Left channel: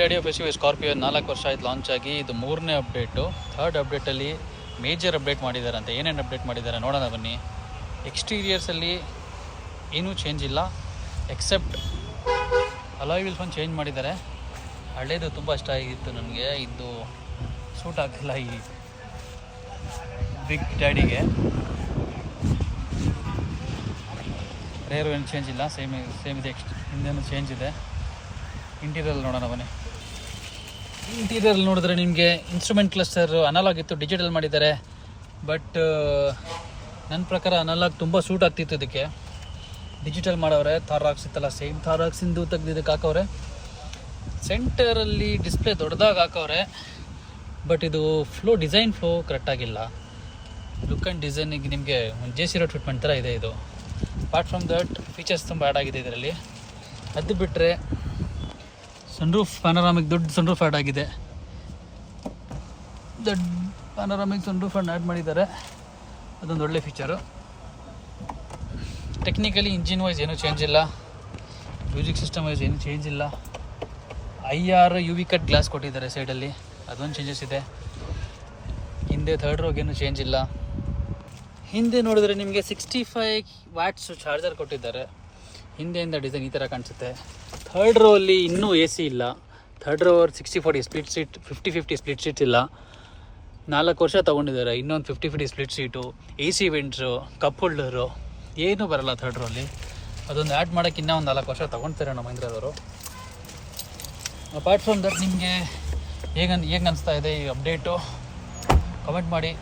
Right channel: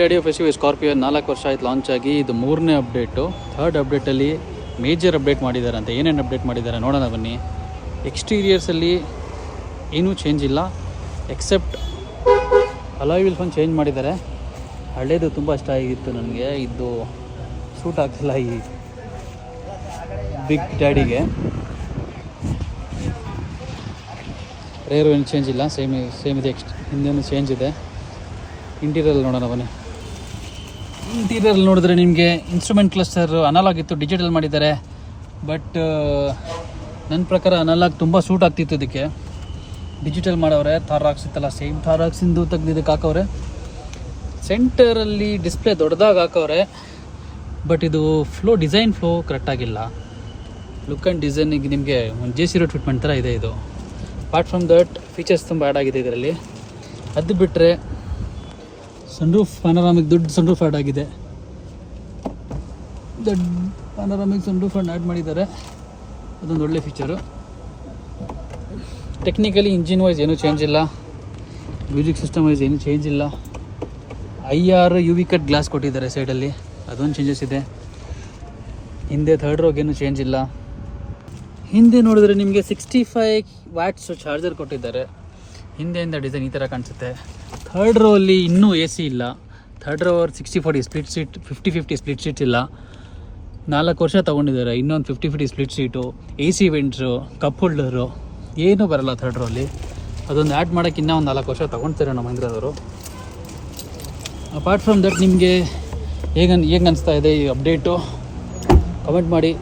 Radio festival Scorpio 4 ವರ್ಷ ಆಯ್ತು launch ಆಗಿ. ಇದು 3ನೇ ಅಪ್ಡೇಟು. ಥರ್ಡ್ ಅಪ್ಡೇಟಲ್ಲಿ ಮೇಜರ್ ಅಪ್ಡೇಟ್ ಮಾಡಿದ್ದಾರೆ ಅಂತ. ಏನೇನು ಅಪ್ಡೇಟ್ ಮಾಡಿದ್ದಾರೆ ನೋಡೋಣ ಬನ್ನಿ. ಎಕ್ಸ್ಟೀರಿಯರ್ಸಲ್ಲಿ ಏನೂ ಚೇಂಜ್ ಇಲ್ಲ, ಎಕ್ಸೆಪ್ಟ್ ಅಲಾಯ್ ವೀಲ್ಸ್ ಒಂದು ಚೇಂಜ್ ಮಾಡಿದ್ದಾರೆ. ಹಳೇದು ತುಂಬ ಇಷ್ಟ ಆಗಿತ್ತು ನನಗೆ, ಇದು ಸೂಟ್ ಆಗ್ತಿಲ್ಲ ಈ ಬಿಗ್ ಡ್ಯಾಡಿಗೆ. ರೇರು ಏನು ಚೇಂಜ್ ಇಲ್ಲ, ಸೇಮ್ ಇದೆ. ಹಿಂದೇನು ಚೇಂಜ್ ಇದೆ. ಇಂಟೀರಿಯರ್ ನೋಡೋಣ ಬನ್ನಿ. ಇಂಟೀರಿಯರ್ ನೋಡಿದ್ರೆ ನಿಮಗೆ ಇನ್ಸ್ಟ್ರೂಮೆಂಟ್ ಕ್ಲಸ್ಟರ್ ಅನಲಾಗ್ ಇತ್ತು, ಡಿಜಿಟಲ್ ಮಾಡಿದ್ದಾರೆ. ಬಟ್ ನನ್ನ ಪ್ರಕಾರ ಅನಲಾಗ್ ತುಂಬ ಸೂಟ್ ಆಗ್ತಿತ್ತು ಇದಕ್ಕೆ. ಡಿಜಿಟಲ್ ಮಾಡವ್ರೆ. ಥಾರಾಕ್ಸ್ ಇತ್ತಲ್ಲ, ಸೇಮ್ ಥಾರಾಕ್ಸಿಂದು ತೆಗ್ದಿದ್ದಕ್ಕೆ ಹಾಕವ್ರೆ. ಸೆಂಟರಲ್ಲಿ ಡಿಸ್ಪ್ಲೇ ದೊಡ್ಡದಾಗಿ ಹಾಕವ್ರೆ. ಬಟ್ ಇದು ಡಿಸೈನ್ ಫ್ಲೋ ಕರೆಕ್ಟಾಗಿಲ್ಲ. ಲುಕ್ ಆ್ಯಂಡ್ ಡಿಸೈನಿಗೆ ನಿಮಗೆ ಒಂದು JC Road ಫಿಟ್ಮೆಂಟ್ ಥರ ಇದೆ ಇದು. ಅಪಾರ್ಟ್ ಫ್ರಮ್ ದಟ್ ಫೀಚರ್ಸ್ ತುಂಬ ಆ್ಯಡ್ ಆಗಿದೆ ಇದರಲ್ಲಿ. ಅದು ಬಿಟ್ಟರೆ ಸನ್ರೂಫ್ ಪ್ಯಾನರಾಮಿಕ್ ದೊಡ್ಡ ಸನ್ರೂಫ್ ಆ್ಯಡ್ ಆಗಿದೆ. ದೊಡ್ಡ ಪ್ಯಾನರಾಮಿಕ್ ಸನ್ರೂಫ್ ಆ್ಯಡ್ ಮಾಡಿದ್ದಾರೆ. ಅದೊಂದು ಒಳ್ಳೆ ಫೀಚರು. ಟೆಕ್ನಿಕಲಿ ಇಂಜಿನ್ ವೈಸ್ ಏನೂ ಚೇಂಜ್ ಇಲ್ಲ, ಮ್ಯೂಸಿಕ್ ಸಿಸ್ಟಮ್ ವೈಸ್ ಏನೂ ಚೇಂಜ್ ಇಲ್ಲ. IR UV ಕಟ್ ಗ್ಲಾಸ್ ಕೊಟ್ಟಿದ್ದಾರೆ ಸೈಡಲ್ಲಿ, ಅದೊಂದು ಚೇಂಜಸ್ ಇದೆ. ಹಿಂದೆ ಥರ್ಡ್ ರೋಗ್ ಏನೂ ಚೇಂಜ್ ಇಲ್ಲ. ಹಿಂದೆ ನೋಡಿದ್ರೆ ನಿಮಗೆ 65 ವ್ಯಾಟ್ಸ್ ಚಾರ್ಜರ್ ಕೊಟ್ಟಿದ್ದಾರೆ. ಹಿಂದೆಯಿಂದ ಡಿಸೈನ್ ಈ ಥರ ಕಾಣಿಸುತ್ತೆ. ಥರ್ಡ್ ರೋ ಅಲ್ಲಿ ಇನ್ನೂ AC ಇಲ್ಲ. Third row 60/40 split seat, 50/50 split seat ಇಲ್ಲ. 4 ವರ್ಷ ತೊಗೊಂಡಿದ್ದಾರೆ. ಇನ್ನೊಂದು 50/50 split seat, AC vents, cup holder ಏನೂ ಬರಲ್ಲ ಥರ್ಡ್ ರೋ ಅಲ್ಲಿ. ಅದೊಂದು ಆ್ಯಡ್ ಮಾಡೋಕ್ಕೆ ಇನ್ನೂ ಒಂದು 4 ವರ್ಷ ತೊಗೊಳ್ತಾರೆ ನಮ್ಮ ಮಹೀಂದ್ರದವರು. ಅಪಾರ್ಟ್ ಫ್ರಮ್ ದಟ್ ನಿಮಗೆ ಹೇಗೆ ಅನಿಸ್ತಾ ಇದೆ ಈ ಅಪ್ಡೇಟು ಕಮೆಂಟ್ ಮಾಡಿ.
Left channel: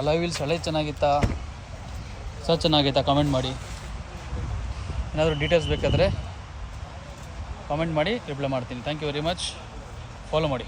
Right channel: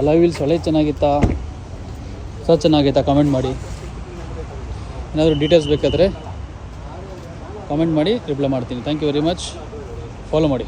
ಅಲಾಯ್ ವೀಲ್ಸ್ ಹಳೆ ಚೆನ್ನಾಗಿತ್ತಾ ಚೆನ್ನಾಗಿತ್ತಾ ಕಮೆಂಟ್ ಮಾಡಿ. ಏನಾದರೂ ಡೀಟೇಲ್ಸ್ ಬೇಕಾದರೆ ಕಮೆಂಟ್ ಮಾಡಿ, ರಿಪ್ಲೈ ಮಾಡ್ತೀನಿ. Thank you very much. Follow ಮಾಡಿ.